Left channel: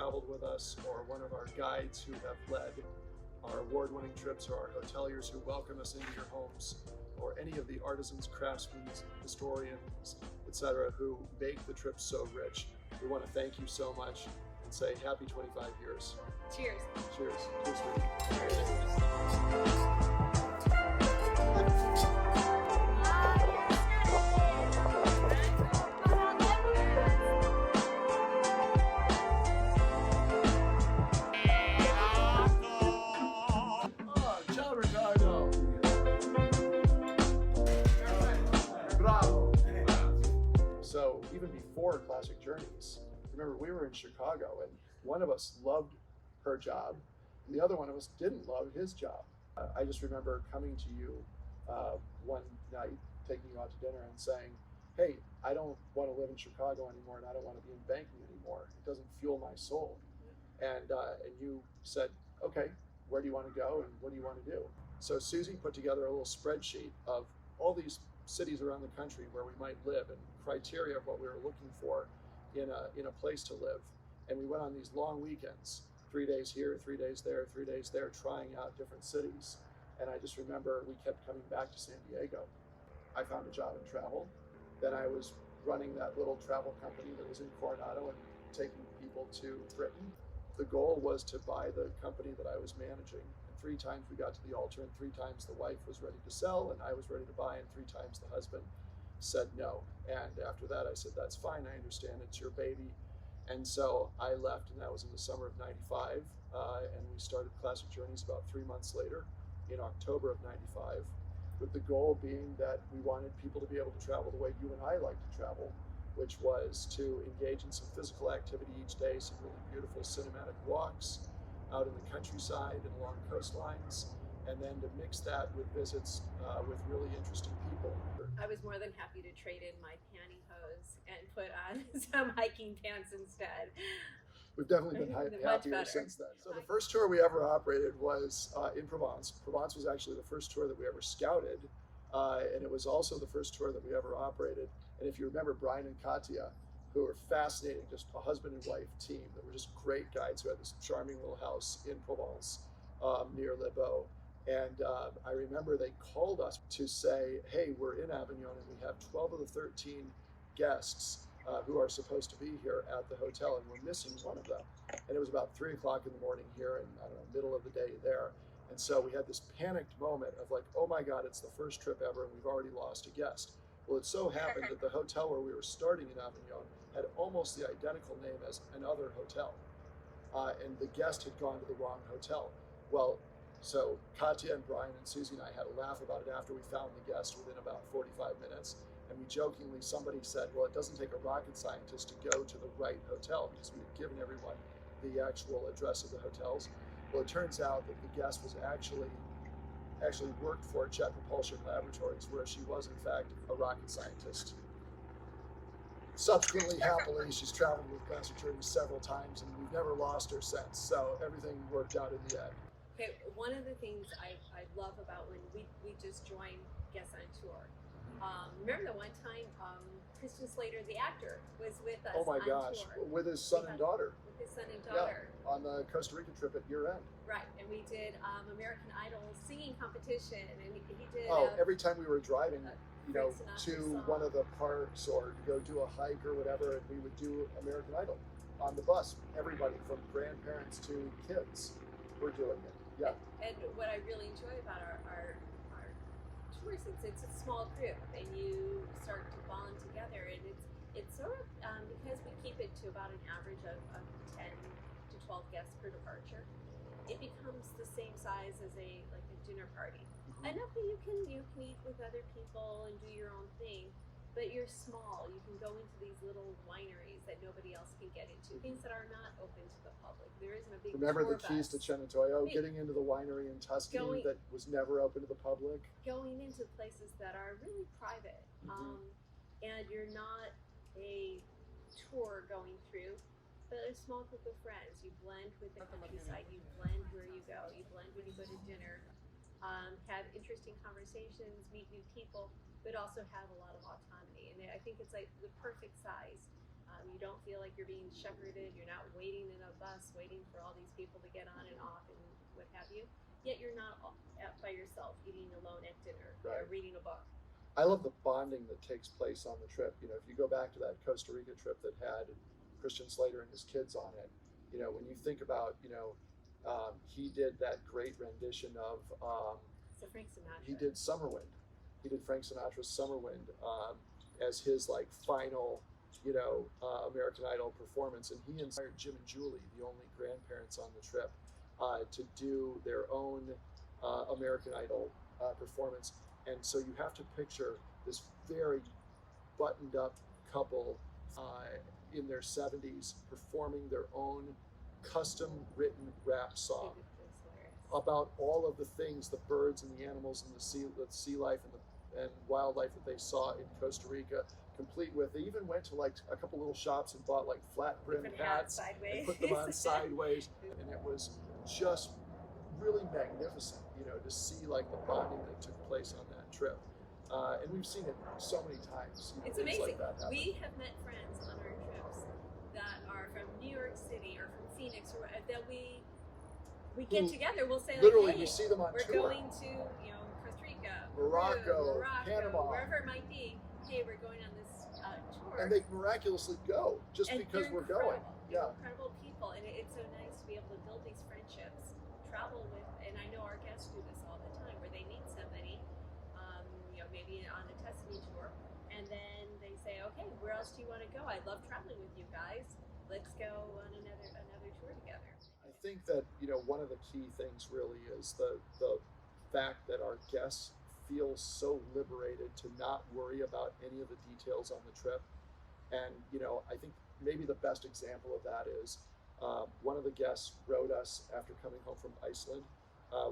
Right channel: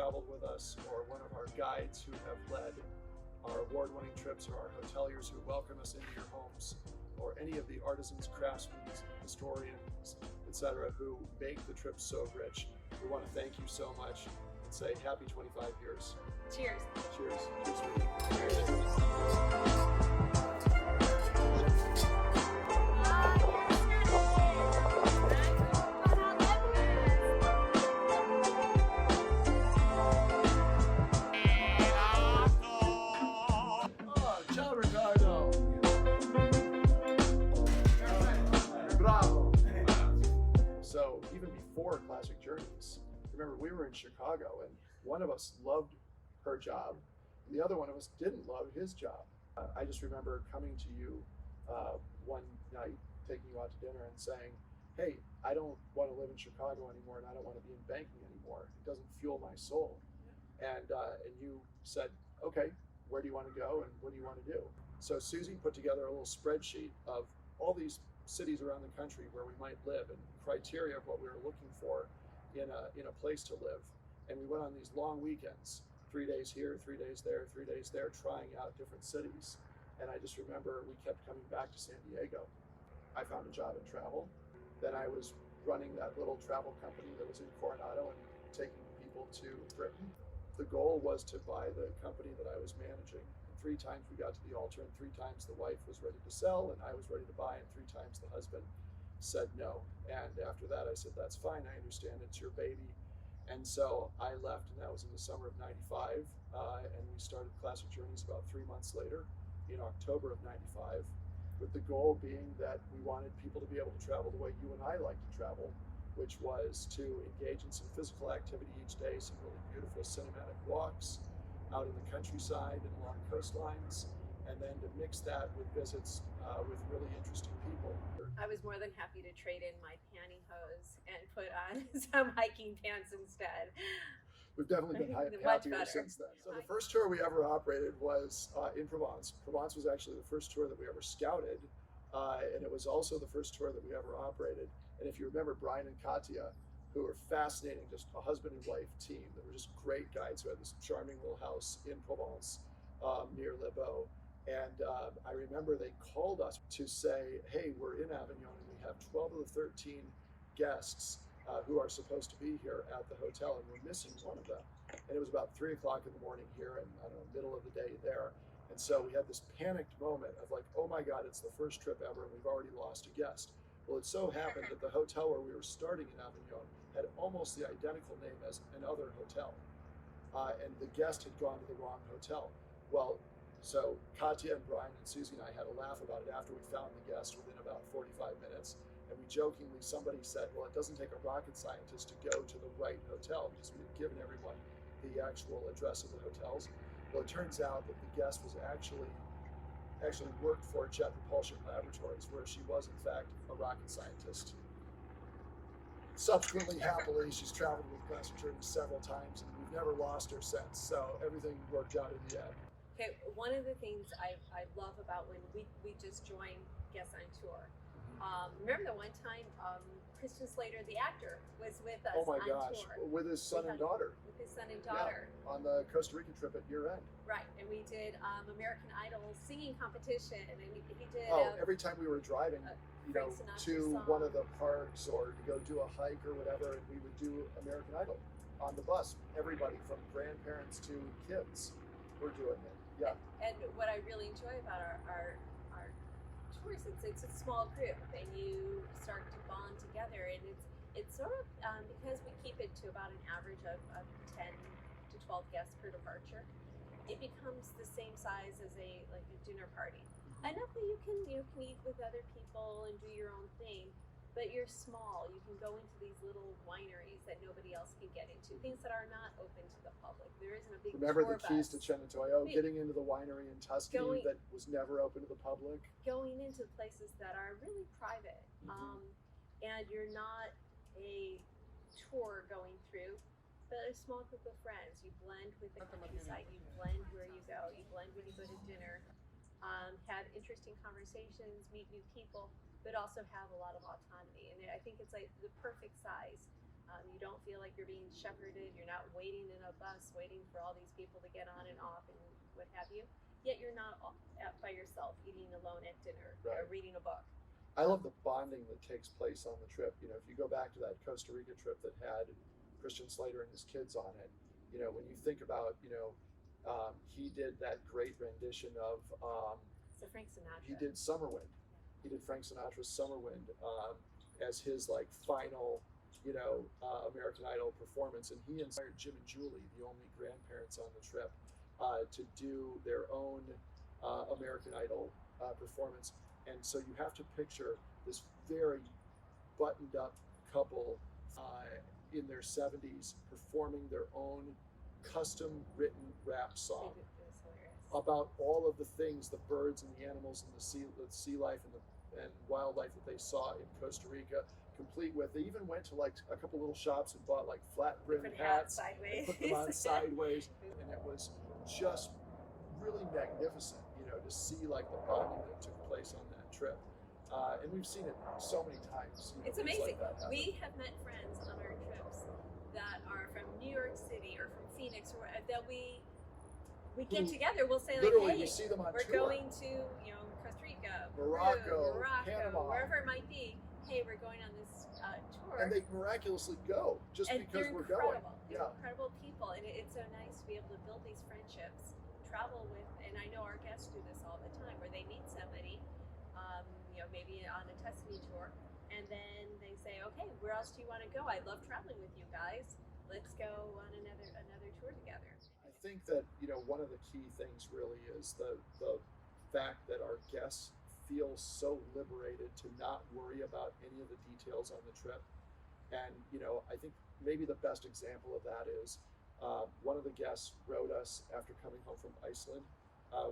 traveled with us, or one of our guides who have led our award-winning trips, or our hoteliers who welcome us into your homes, or any of the artisans, craftsmen, historians, etc., who make the trips so rich. We want to thank you so much and say happy 25 years. Cheers. Cheers. Cheers. Ciao Ricardo! Bravo! So even before Classic Journeys, remember we were in Chicago and one of us loved her job and the other one of us didn't love his job. I just remember coming to you one night, taking you out to dinner and saying, hey, I don't want to live in Chicago anymore and I don't want to be in banking anymore. It doesn't fuel my soul. And you said, okay, where do you want to go and what do you want to do? So Susie put together a little spreadsheet of all these cities around the country where we might live and criteria of what we were looking for in a place to live. And we went on these long weekends, 3 days here, 3 days there, 3 days there, trying out different cities. And I just remember we kept coming back to San Diego. I found a job in travel. Then I was running that little travel company that was in Coronado and taking people to Britain. The goal was to buy the company that I was managing. And 3 times we got to the altar, and 3 times the wife was ready to sell, and I was ready to buy, and 3 times the husband said no. And after that, I said, that's fine, I understand, it's your baby. And so I left, and that was in the summer of '95, and we started Classic Journeys about 3 months later, in October of '95, with the goal being that we wanted people to be able to travel the way you and I like to travel, which was to engage in some physical activity each day, some really beautiful cinematic walks out in the countryside and along coastlines, and then to mix that with visits with really interesting people. I was more than happy to trade in my pantyhose and put on some hiking pants instead. We've definitely been happier since then. So the first tour we ever operated was in Provence. Provence was actually the first tour that we ever scouted, and it was also the first tour that we ever operated. And if you remember Brian and Katya, who were fascinating, just a husband and wife team that were just great guides who had this charming little house in Provence near Les Baux. And I remember they called us to say, hey, we're in Avignon and we have 12 of the 13 guests who are supposed to be here at the hotel, and we're missing one of them. And it was about 3 o'clock in the morning here, and I don't know, middle of the day there. And so we had this panicked moment of like, oh my God, it's the first trip ever and we've already lost a guest. Well, it so happened that the hotel where we were starting in Avignon had almost the identical name as another hotel. And the guest had gone to the wrong hotel. Well, so Katya and Brian and Susie and I had a laugh about it after we found the guest within about 45 minutes. And we jokingly, somebody said, well, it doesn't take a rocket scientist to go to the right hotel, because we had given everyone the actual address of the hotels. Well, it turns out that the guest was actually worked for Jet Propulsion Laboratories, where she was in fact a rocket scientist. Subsequently, happily, she's traveled with Classic Journeys several times, and we've never lost her since. So everything worked out in the end. Okay, one of the things I love about when we just joined Guests on Tour. Remember the one time Christian Slater, the actor, was with us on tour. With his son and daughter. With his son and daughter. Yeah, on the Costa Rica trip at year end. Right, and we did American Idol singing competition, and he did. Every time we were driving, to one of the parks or to go do a hike or whatever, we would do American Idol on the bus. Everybody from grandparents to kids were doing it. Yeah. And what I really enjoy about our tours, it's a small group, and you start to bond together, and it's sort of because we keep it to about an average of 10 to 12 guests per departure. It becomes the same size as a dinner party. Enough that you can eat with other people and do your own thing, but you're small. You can go into these little wineries that nobody else can get into, things that are not open to the public. There isn't a big Remember tour the keys bus. to Cenerentola, getting into the winery in Tuscany that was never open to the public. Going into places that are really private, and you're not a tour going through, but a small group of friends. You blend with the countryside, you blend where you go, you blend when you go to dinner, have interesting conversations, meet new people, but also have a lot of autonomy. And I think it's like the perfect size You don't feel like you're being shepherded. You're not waiting in a bus, waiting for all these people to get on and off and what have you. Yet you're not by yourself, eating alone at dinner or Right. reading a book. I love the bonding that takes place on the trip. If you go back to that Costa Rica trip that had Christian Slater and his kids on it, when you think about, he did that great rendition of, So Frank Sinatra. he did Summer Wind. He did Frank Sinatra's Summer Wind as his like final, American Idol performance, and he inspired Jim and Julie, the only grandparents on the trip, to do their own American Idol performance. And so you have to picture this very buttoned up couple in their 70s performing their own custom written rap song about all of the things, the birds and the animals and the sea life and wildlife that they saw in Costa Rica, complete with, they even went to like a couple little shops and bought like flat brim hats sideways. and put them on sideways, and it was just really magnificent, to see like the bonding that took place on that trip. And we've seen it so many times. It's amazing. Like we have met friends on our trips that are from New York City or from Phoenix, or that we get together. We'll say like, literally, hey, we see them on we're tour. going to Costa Rica, Morocco, Peru, Panama, wherever it might be. Hey, we're going on this tour, and they miraculously go just and because we're incredible. going. They're incredible people, and it's so nice to be able to build these friendships, travel with. And I know our guests do this all the time, where they meet somebody, maybe on a Tuscany tour, and then they say, okay, where else do you want to go? I love traveling with you guys. Let's go on another tour together. I think that one of the key things really is the fact that our guests feel so liberated to not worry about any of the details on the trip. And I think maybe the best example of that is one of the guests wrote us after coming home from Iceland,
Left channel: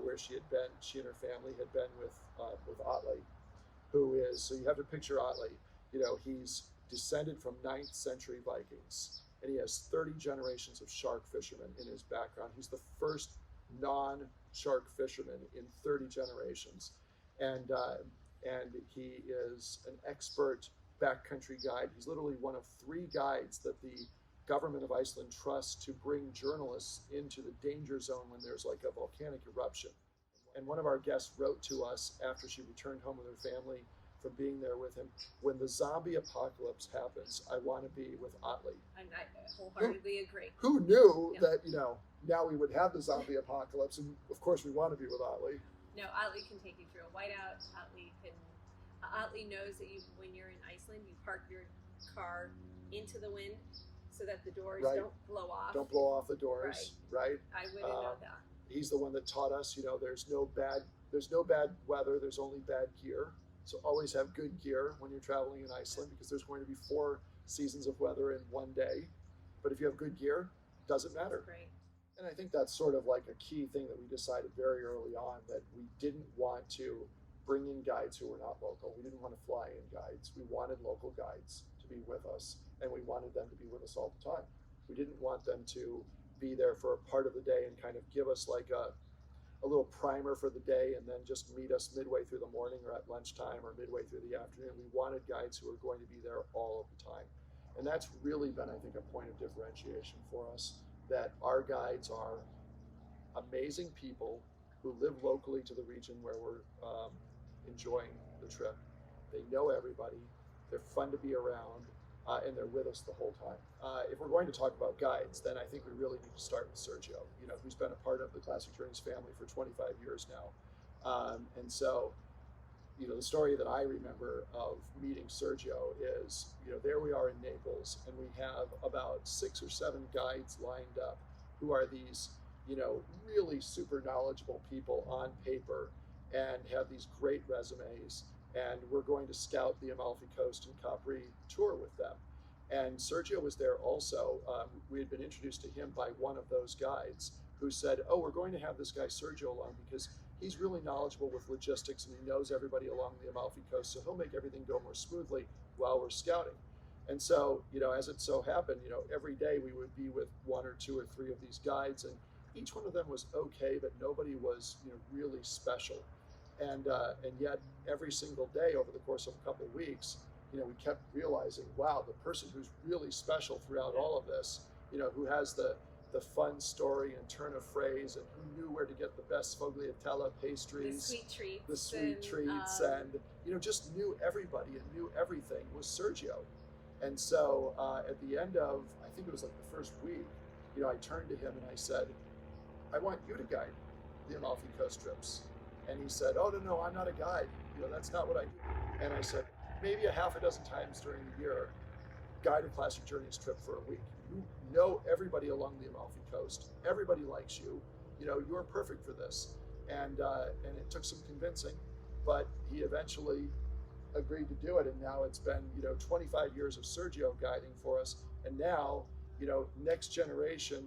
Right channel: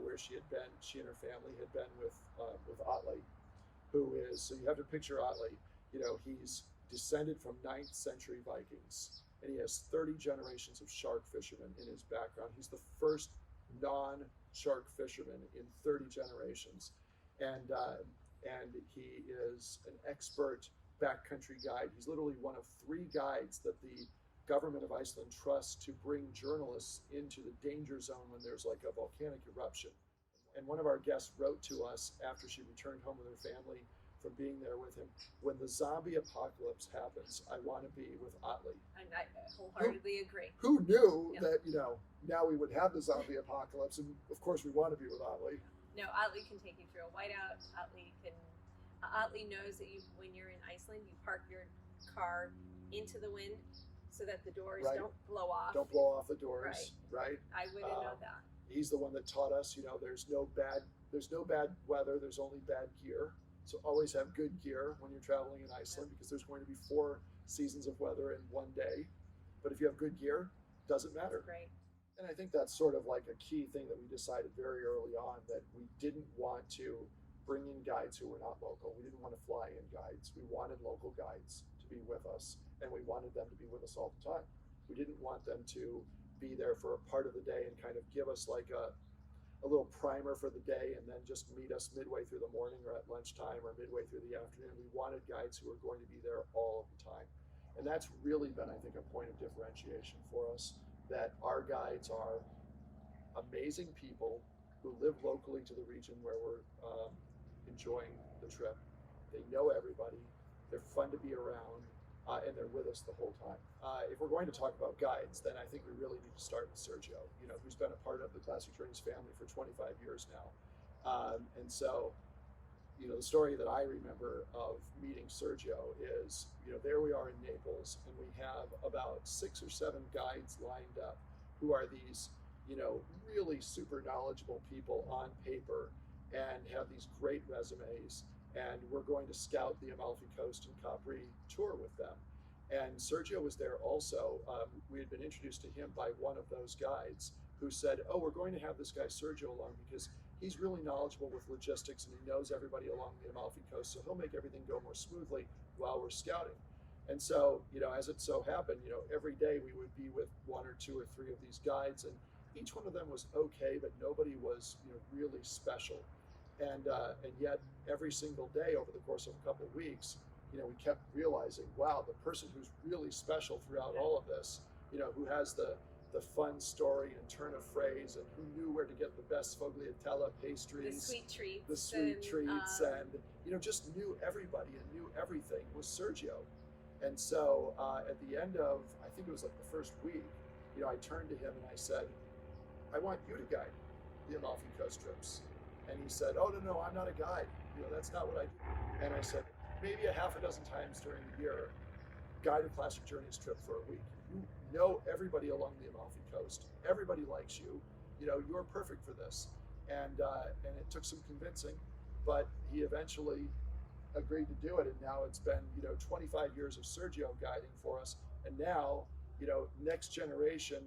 where she and her family had been with Otley, who is, so you have to picture Otley, he's descended from 9th century Vikings, and he has 30 generations of shark fishermen in his background. He's the first non-shark fisherman in 30 generations. And he is an expert backcountry guide. He's literally one of 3 guides that the government of Iceland trusts to bring journalists into the danger zone when there's like a volcanic eruption. And one of our guests wrote to us after she returned home with her family from being there with him, when the zombie apocalypse happens, I want to be with Otley. And I wholeheartedly agree. Who knew that, now we would have the zombie apocalypse, and of course we want to be with Otley. No, Otley can take you through a whiteout. Otley knows that when you're in Iceland, you park your car into the wind so that the doors don't blow off. Don't blow off the doors, right? I wouldn't know that. He's the one that taught us, there's no bad weather, there's only bad gear. So always have good gear when you're traveling in Iceland, because there's going to be 4 seasons of weather in one day. But if you have good gear, doesn't matter. That's great. And I think that's sort of like a key thing that we decided very early on, that we didn't want to bring in guides who were not local. We didn't want to fly in guides. We wanted local guides to be with us, and we wanted them to be with us all the time. We didn't want them to be there for a part of the day and kind of give us like a little primer for the day and then just meet us midway through the morning or at lunchtime or midway through the afternoon. We wanted guides who were going to be there all of the time. And that's really been, I think, a point of differentiation for us, that our guides are amazing people who live locally to the region where we're enjoying the trip. They know everybody, they're fun to be around, and they're with us the whole time. If we're going to talk about guides, then I think we really need to start with Sergio, who's been a part of the Classic Journeys family for 25 years now. And so, the story that I remember of meeting Sergio is, there we are in Naples, and we have about 6 or 7 guides lined up who are these, really super knowledgeable people on paper and have these great resumes. And we're going to scout the Amalfi Coast and Capri tour with them. And Sergio was there also. We had been introduced to him by one of those guides who said, oh, we're going to have this guy Sergio along because he's really knowledgeable with logistics and he knows everybody along the Amalfi Coast, so he'll make everything go more smoothly while we're scouting. And so, as it so happened, every day we would be with 1 or 2 or 3 of these guides, and each one of them was okay, but nobody was, really special. And yet every single day over the course of a couple of weeks, we kept realizing, wow, the person who's really special throughout all of this, who has the fun story and turn of phrase, and who knew where to get the best sfogliatella pastries, the sweet treats, and just knew everybody and knew everything, was Sergio. And so at the end of, I think it was like the first week, I turned to him and I said, I want you to guide the Amalfi Coast trips. And he said, oh, no, I'm not a guide. That's not what I do. And I said, maybe a half a dozen times during the year, guide a Classic Journeys trip for a week. You know everybody along the Amalfi Coast. Everybody likes you. You're perfect for this. And it took some convincing, but he eventually agreed to do it. And now it's been, 25 years of Sergio guiding for us. And now, next generation,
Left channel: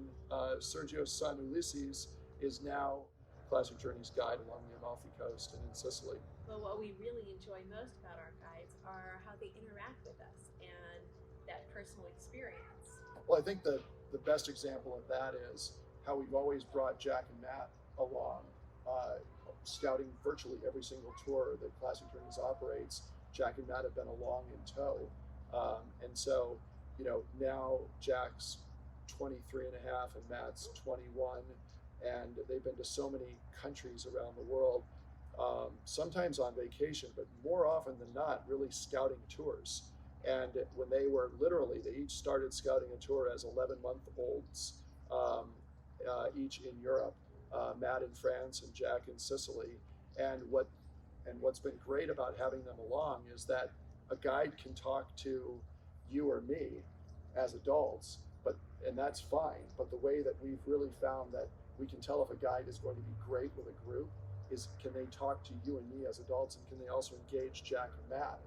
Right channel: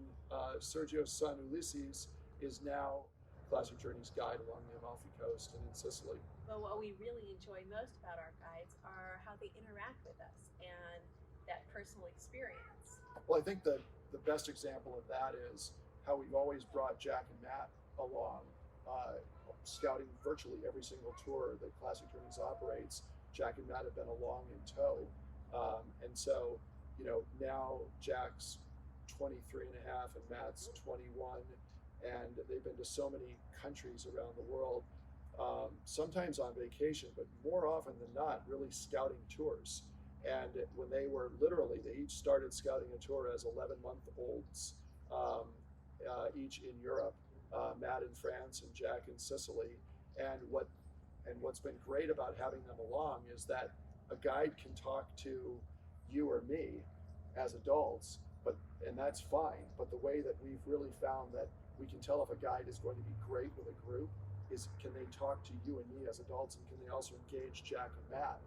Sergio's son Ulysses is now Classic Journeys guide along the Amalfi Coast and in Sicily. But what we really enjoy most about our guides are how they interact with us and that personal experience. Well, I think the best example of that is how we've always brought Jack and Matt along, scouting virtually every single tour that Classic Journeys operates. Jack and Matt have been along in tow. And so, now Jack's 23 and a half and Matt's 21, and they've been to so many countries around the world, sometimes on vacation, but more often than not, really scouting tours. And when they each started scouting a tour as 11-month-olds, each in Europe, Matt in France and Jack in Sicily. And what's been great about having them along is that a guide can talk to you or me as adults, and that's fine. But the way that we've really found that we can tell if a guide is going to be great with a group is, can they talk to you and me as adults, and can they also engage Jack and Matt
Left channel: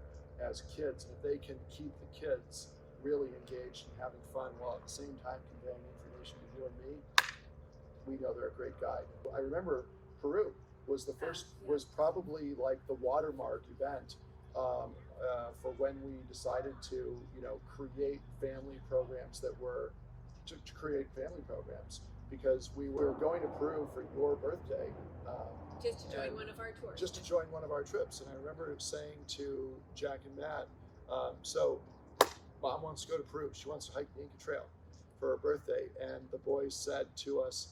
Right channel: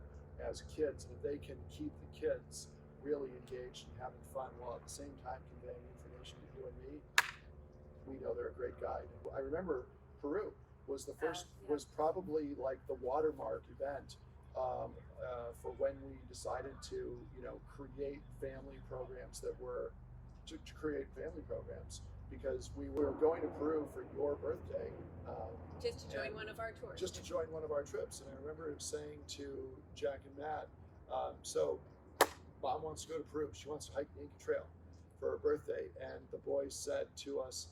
as kids? And if they can keep the kids really engaged and having fun while at the same time conveying information to you and me, we know they're a great guide. I remember Peru was the first, was probably like the watermark event for when we decided to, create family programs that were to create family programs, because we were going to Peru for your birthday. Just to join one of our tours. Just to join one of our trips. And I remember saying to Jack and Matt, so Mom wants to go to Peru. She wants to hike the Inca Trail for her birthday. And the boys said to us,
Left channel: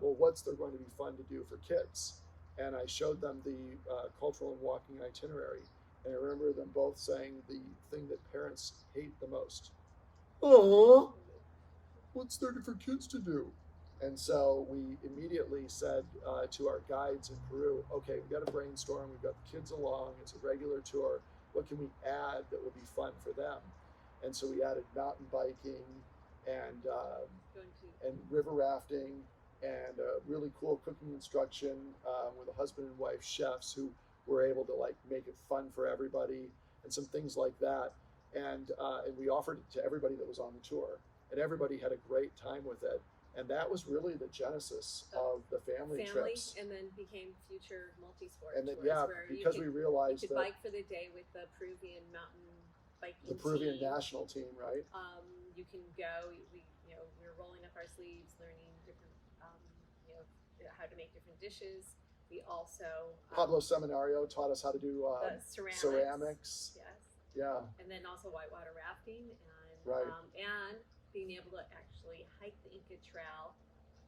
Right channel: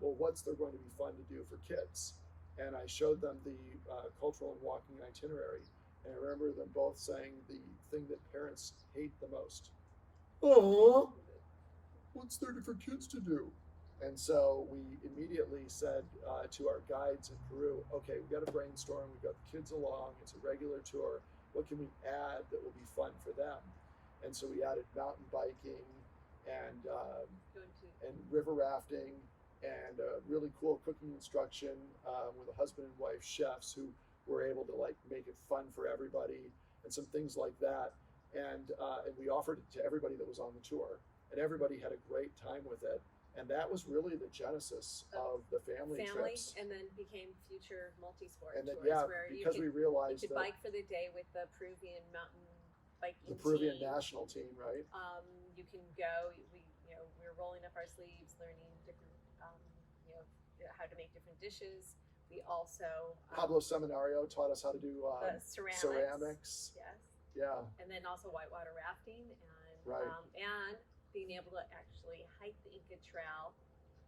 well, what's there going to be fun to do for kids? And I showed them the cultural and walking itinerary. And I remember them both saying the thing that parents hate the most. Oh, what's there for kids to do? And so we immediately said to our guides in Peru, okay, we've got to brainstorm. We've got the kids along. It's a regular tour. What can we add that will be fun for them? And so we added mountain biking and river rafting and really cool cooking instruction with a husband and wife chefs who were able to make it fun for everybody and some things like that. And we offered it to everybody that was on the tour, and everybody had a great time with it. And that was really the genesis of the family trips. And then became future multi-sport and then, tours, where because you we realized you could bike for the day with the Peruvian mountain biking the Peruvian team. national team, right? You can go. We're rolling up our sleeves, learning different, how to make different dishes. We also Pablo Seminario taught us how to do ceramics. Yes. Yeah. And then also whitewater rafting and and being able to actually hike the Inca Trail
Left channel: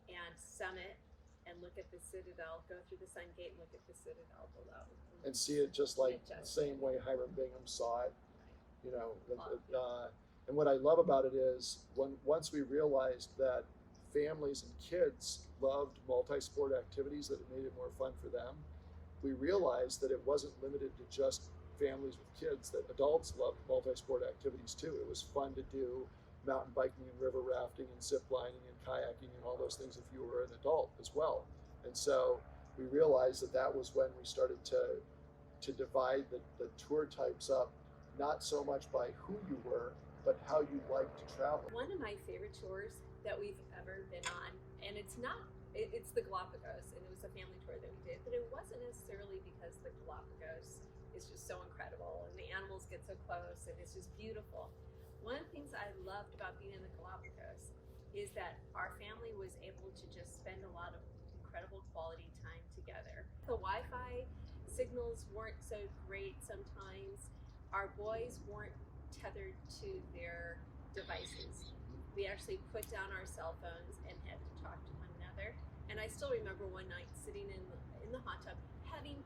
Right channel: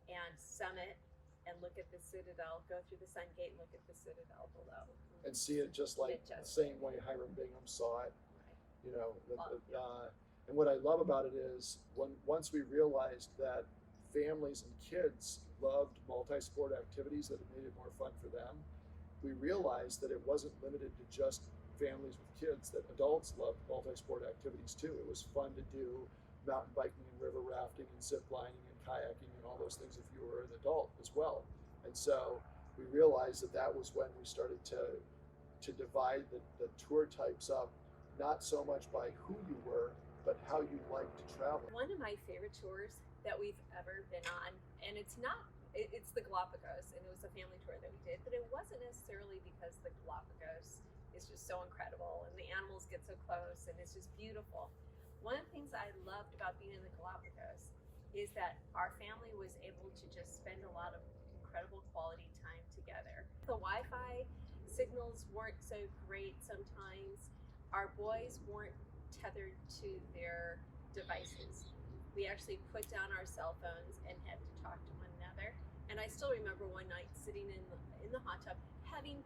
and summit and look at the Citadel, go through the Sun Gate and look at the Citadel below. And see it just like the same way Hiram Bingham saw it. Right. And what I love about it is once we realized that families and kids loved multi-sport activities, that it made it more fun for them, we realized that it wasn't limited to just families with kids, that adults loved multi-sport activities too. It was fun to do mountain biking and river rafting and zip lining and kayaking and all those things if you were an adult as well. And so we realized that was when we started to divide the tour types up, not so much by who you were, but how you like to travel. One of my favorite tours that we've ever been on, and it's the Galapagos, and it was a family tour that we did, but it wasn't necessarily because the Galapagos is just so incredible and the animals get so close and it's just beautiful. One of the things I loved about being in the Galapagos is that our family was able to just spend a lot of incredible quality time together. The Wi-Fi signals weren't so great sometimes. our boys weren't tethered to their devices. We actually put down our cell phones and had to talk to one another. And I still remember one night sitting in the hot tub, having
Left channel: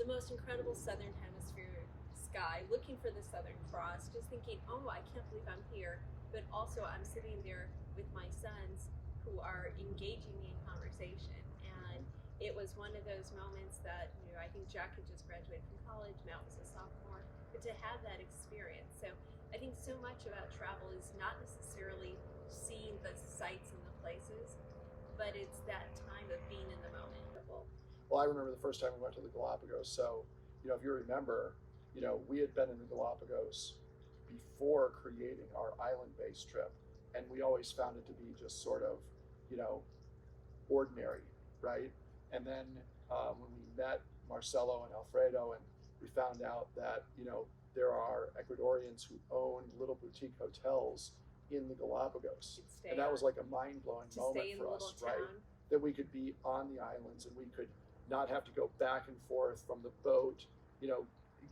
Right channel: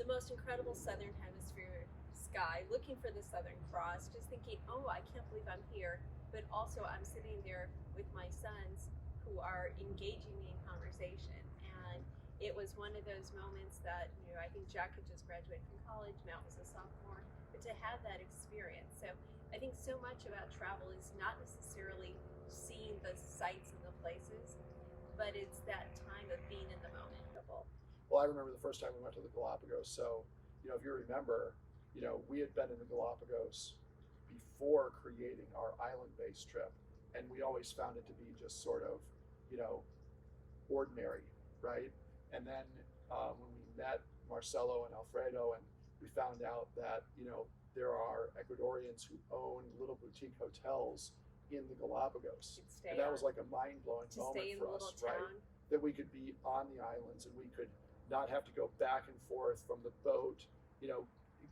the most incredible Southern Hemisphere sky, looking for the Southern Cross, just thinking, oh, I can't believe I'm here. But also I'm sitting there with my sons who are engaging me in conversation. And it was one of those moments that, I think Jack had just graduated from college, Matt was a sophomore, but to have that experience. So I think so much about travel is not necessarily seeing the sights and the places, but it's that time of being in the moment. Well, I remember the first time we went to the Galapagos. So, if you remember, we had been in the Galapagos before creating our island-based trip, and we always found it to be just sort of, ordinary, right? And then when we met Marcelo and Alfredo, and we found out that, there are Ecuadorians who own little boutique hotels in the Galapagos. And that was like a mind-blowing moment for us, right? That we could be on the islands and we could not have to go back and forth from the boat,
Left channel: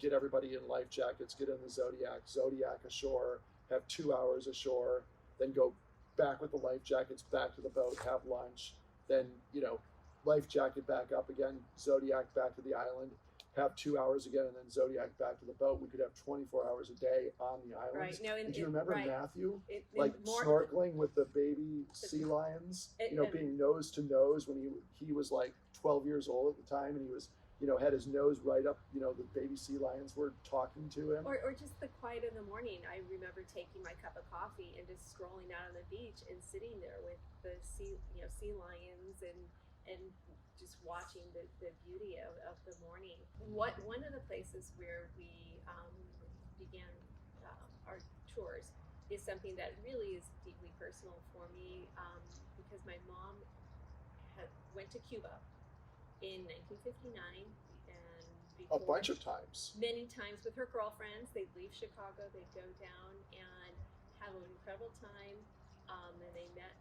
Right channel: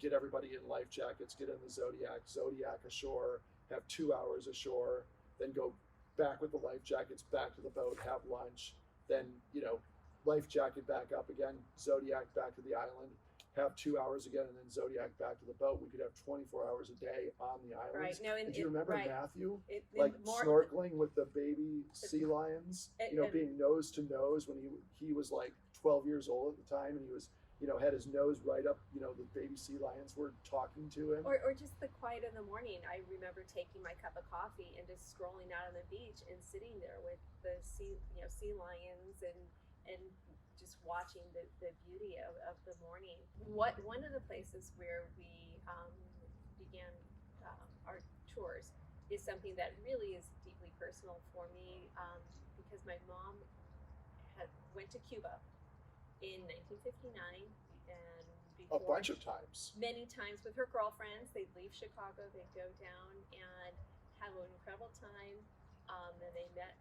get everybody in life jackets, get in the Zodiac ashore, have 2 hours ashore, then go back with the life jackets back to the boat, have lunch, then, life jacket back up again, Zodiac back to the island, have 2 hours again, and then Zodiac back to the boat. We could have 24 hours a day on the island. Right. No, Did you remember Matthew, more, snorkeling with the baby sea lions, being nose to nose when he was like 12 years old at the time, and he was, had his nose right up, the baby sea lions were talking to him. Or just the quiet in the morning. I remember taking my cup of coffee and just strolling out on the beach and sitting there with the sea lions and just watching the beauty of the morning. One of the places where we began our tours is something that really is deeply personal for me, because my mom went to Cuba in 1959, and before, a bunch of times. Many times with her girlfriends. They'd leave Chicago, they'd go down and have an incredible time. And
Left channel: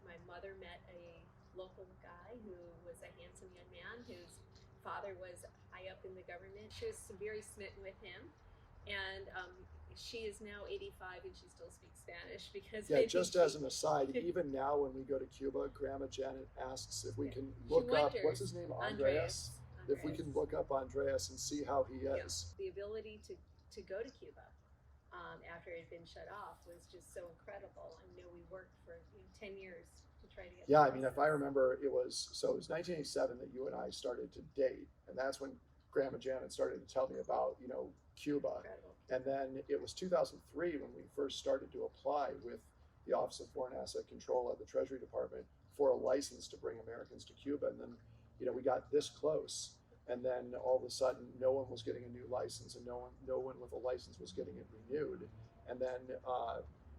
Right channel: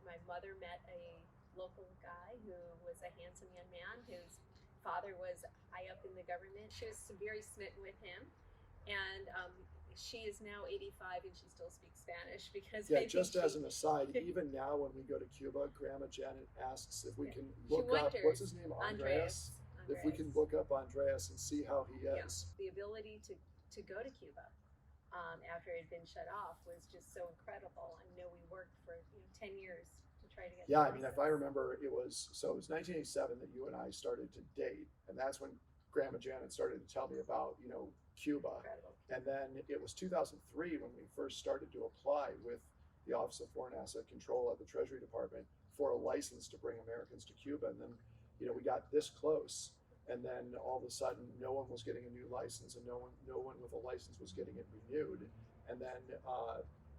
my mother met a local guy who was a handsome young man whose father was high up in the government. She was very smitten with him, and she is now 85 and she still speaks Spanish because just as an aside, even now when we go to Cuba, Grandma Janet asks if we can look up, what's his name, Andreas? If we can look up Andreas and see how he is. The ability to go to Cuba after it had been shut off was just so incredible. I know we worked for 10 years to try to get. Yeah, I mean, if I remember, it was 1987 that you and I started to date, and that's when Grandma Janet started to tell me about Cuba. Incredible. And then it was 2003 when we first started to apply with the Office of Foreign Asset Control at the Treasury Department for a license to bring Americans to Cuba. And then, we got this close, and then all of a sudden, no one was getting a new license, and no one with a license was getting it renewed. And then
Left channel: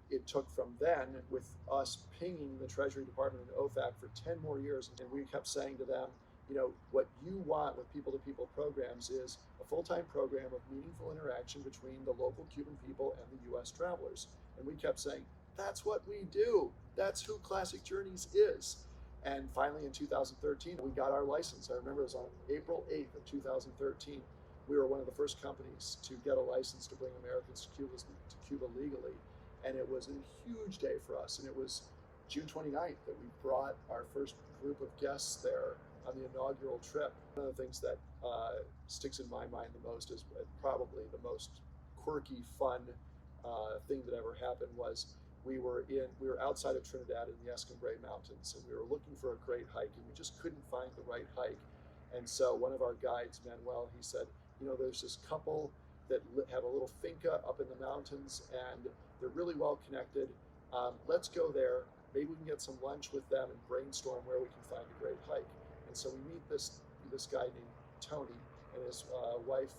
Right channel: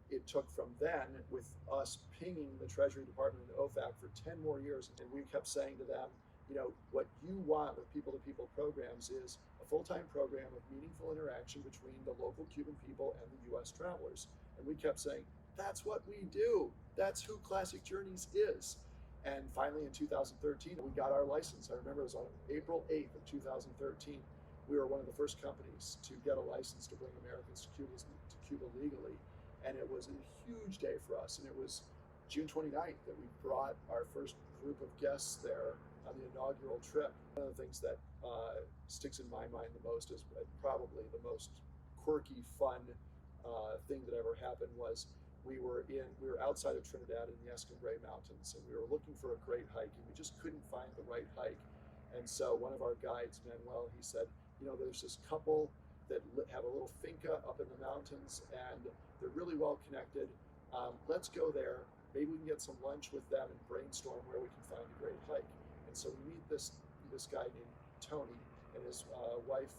it took from then, with us pinging the Treasury Department and OFAC for 10 more years, and we kept saying to them, what you want with people-to-people programs is a full-time program of meaningful interaction between the local Cuban people and the U.S. travelers. And we kept saying, that's what we do. That's who Classic Journeys is. And finally, in 2013, we got our license. I remember it was on April 8th of 2013. We were one of the first companies to get a license to bring Americans to Cuba legally. And it was a huge day for us. And it was June 29th that we brought our first group of guests there on the inaugural trip. One of the things that sticks in my mind the most is probably the most quirky, fun thing that ever happened was we were outside of Trinidad in the Escambray Mountains, and we were looking for a great hike, and we just couldn't find the right hike. And so one of our guides, Manuel, he said, there's this couple that have a little finca up in the mountains, and they're really well connected. Let's go there. Maybe we can get some lunch with them and brainstorm where we can find a great hike. And so we meet this guy named Tony and his wife,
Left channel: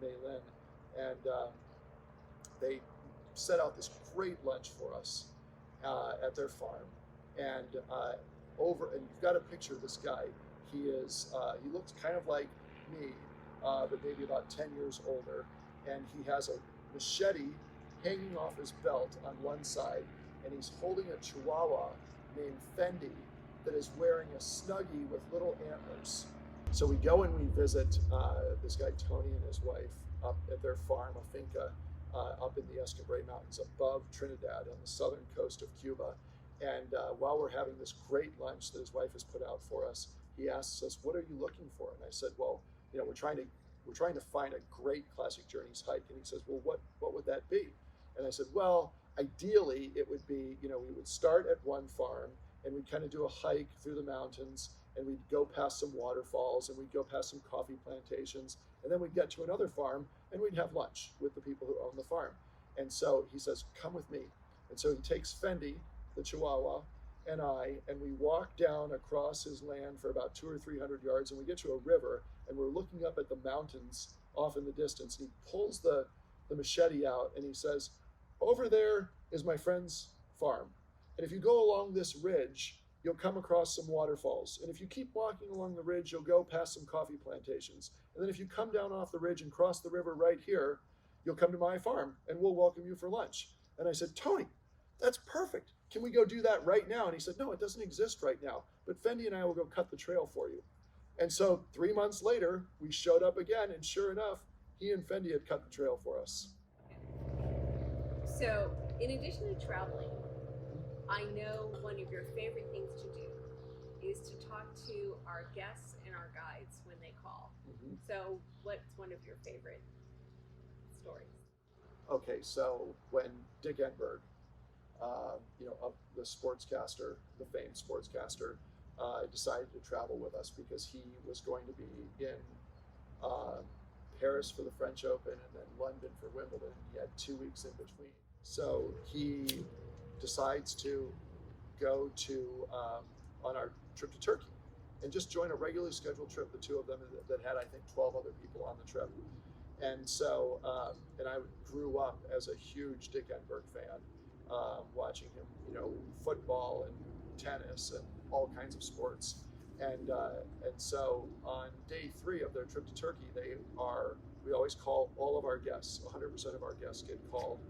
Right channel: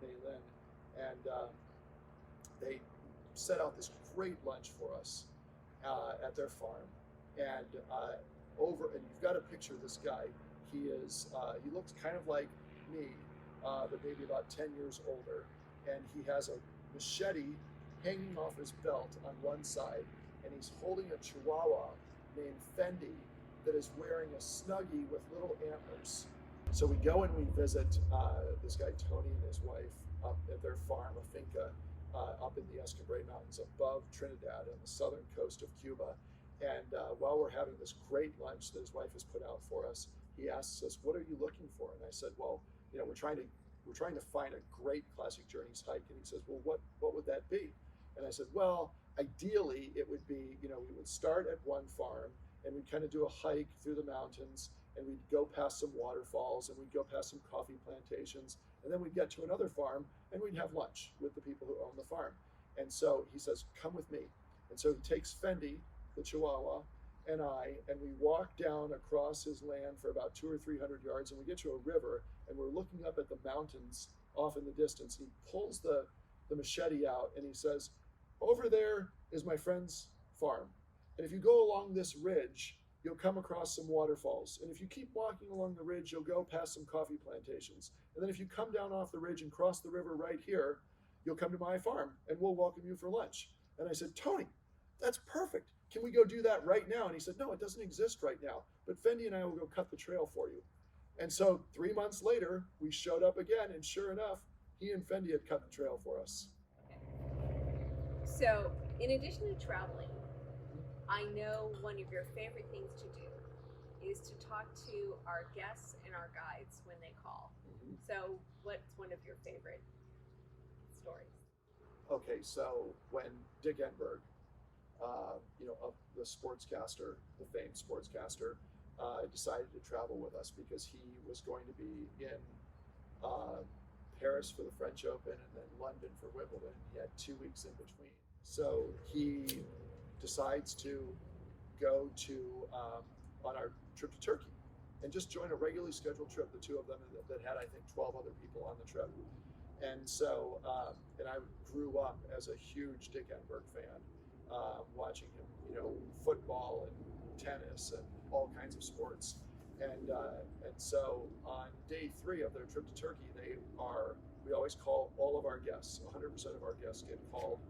Maylin, and they set out this great lunch for us at their farm. And you've got to picture this guy. He looks kind of like me, but maybe about 10 years older. And he has a machete hanging off his belt on one side, and he's holding a chihuahua named Fendi that is wearing a Snuggie with little antlers. So we go and we visit this guy Tony and his wife up at their farm, a finca, up in the Escambray Mountains above Trinidad on the southern coast of Cuba. And while we're having this great lunch that his wife has put out for us, he asks us, "What are you looking for?" And I said, "Well, we're trying to find a great Classic Journeys hike." And he says, "Well, what would that be?" And I said, "Well, ideally it would be, we would start at one farm and we'd kind of do a hike through the mountains, and we'd go past some waterfalls, and we'd go past some coffee plantations, and then we'd get to another farm and we'd have lunch with the people who own the farm." And so he says, "Come with me." And so he takes Fendi, the Chihuahua, and we walk down across his land for about 200 or 300 yards, and we get to a river, and we're looking up at the mountains off in the distance. And he pulls the machete out and he says, "Over there is my friend's farm. And if you go along this ridge, you'll come across some waterfalls. And if you keep walking along the ridge, you'll go past some coffee plantations. And then if you come down off the ridge and cross the river right here, you'll come to my farm and we'll welcome you for lunch." And I said, "Tony, that's perfect. Can we go do that right now?" And he said, "No, it doesn't exist right now, but Fendi and I will go cut the trail for you." And so 3 months later, we showed up again, and sure enough, he and Fendi had cut the trail for us. Okay. So in addition to traveling, I know one of your favorite things to do is to talk to our guests and our guides when they call. Mm-hmm. So what's one of your favorite stories? Okay, so when Dick Enberg, the sportscaster, the famed sportscaster, decided to travel with us because he was going to be in Paris for the French Open and then London for Wimbledon. He had 2 weeks in between. So he decides to go on our trip to Turkey and just join a regularly scheduled trip, the two of them that had, I think, 12 other people on the trip. And so, and I grew up as a huge Dick Enberg fan, watching him, football and tennis and all kinds of sports. And so on day 3 of their trip to Turkey, we always call all of our guests, 100% of our guests get called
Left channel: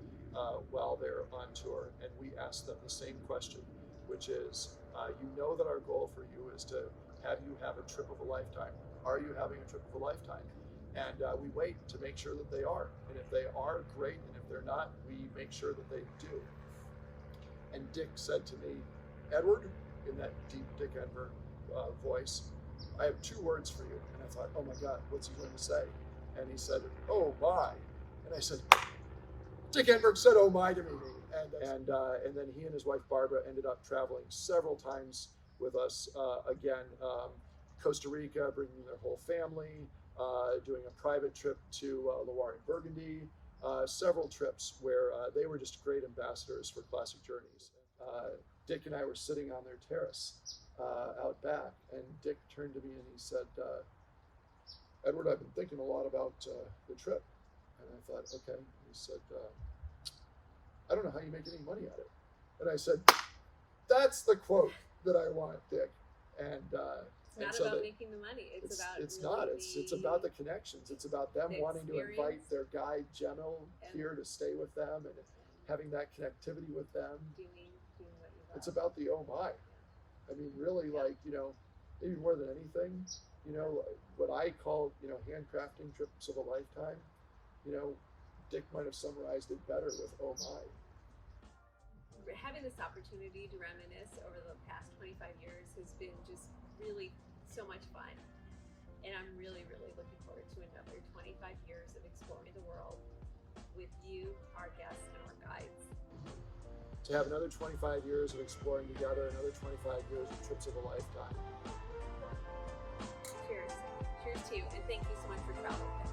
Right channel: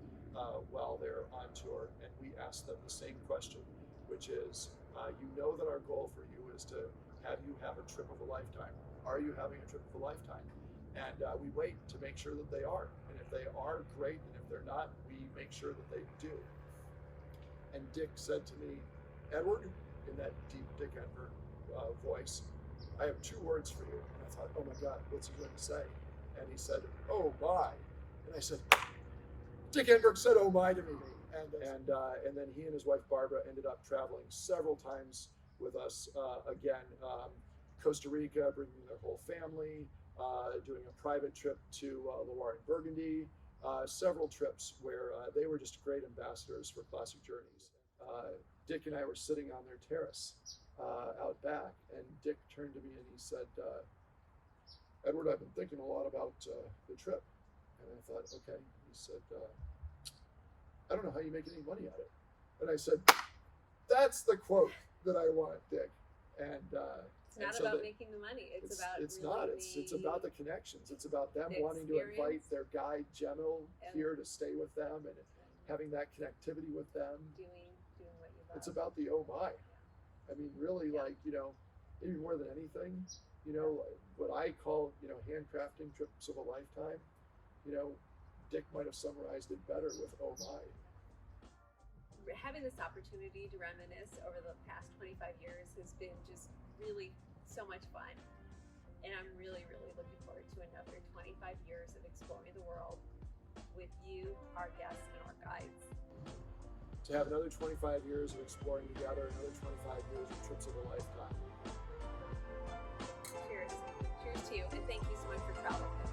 while they're on tour. And we ask them the same question, which is, that our goal for you is to have you have a trip of a lifetime. Are you having a trip of a lifetime? And we wait to make sure that they are. And if they are, great. And if they're not, we make sure that they do. And Dick said to me, "Edward," in that deep Dick Enberg voice, "I have 2 words for you." And I thought, oh my God, what's he going to say? And he said, "Oh my." And I said, "Dick Enberg said oh my to me." And then he and his wife Barbara ended up traveling several times with us. Again, Costa Rica, bringing their whole family, doing a private trip to Loire and Burgundy, several trips where they were just great ambassadors for Classic Journeys. Dick and I were sitting on their terrace out back, and Dick turned to me and he said, "Edward, I've been thinking a lot about the trip." And I thought, okay. He said, "I don't know how you make any money at it." And I said, "That's the quote that I want, Dick." And it's not about making the money. It's about it's about the connections. It's about them wanting to invite their guide General here to stay with them and having that connectivity with them. Doing what you love. It's about the oh my. Yeah. I mean, really, maybe more than anything, what I call, handcrafting trips of a lifetime, Dick might have summarized it better with oh my. Having this opportunity to reminisce over the past 25 years has been just really so much fun. And I'm really, really looking forward to another 25 years of exploring the world with you, our guests, and our guides. To have another 25 years of exploring together, another 25 years of trips of a lifetime. Cheers. Cheers to you, and thank you so much for traveling with us.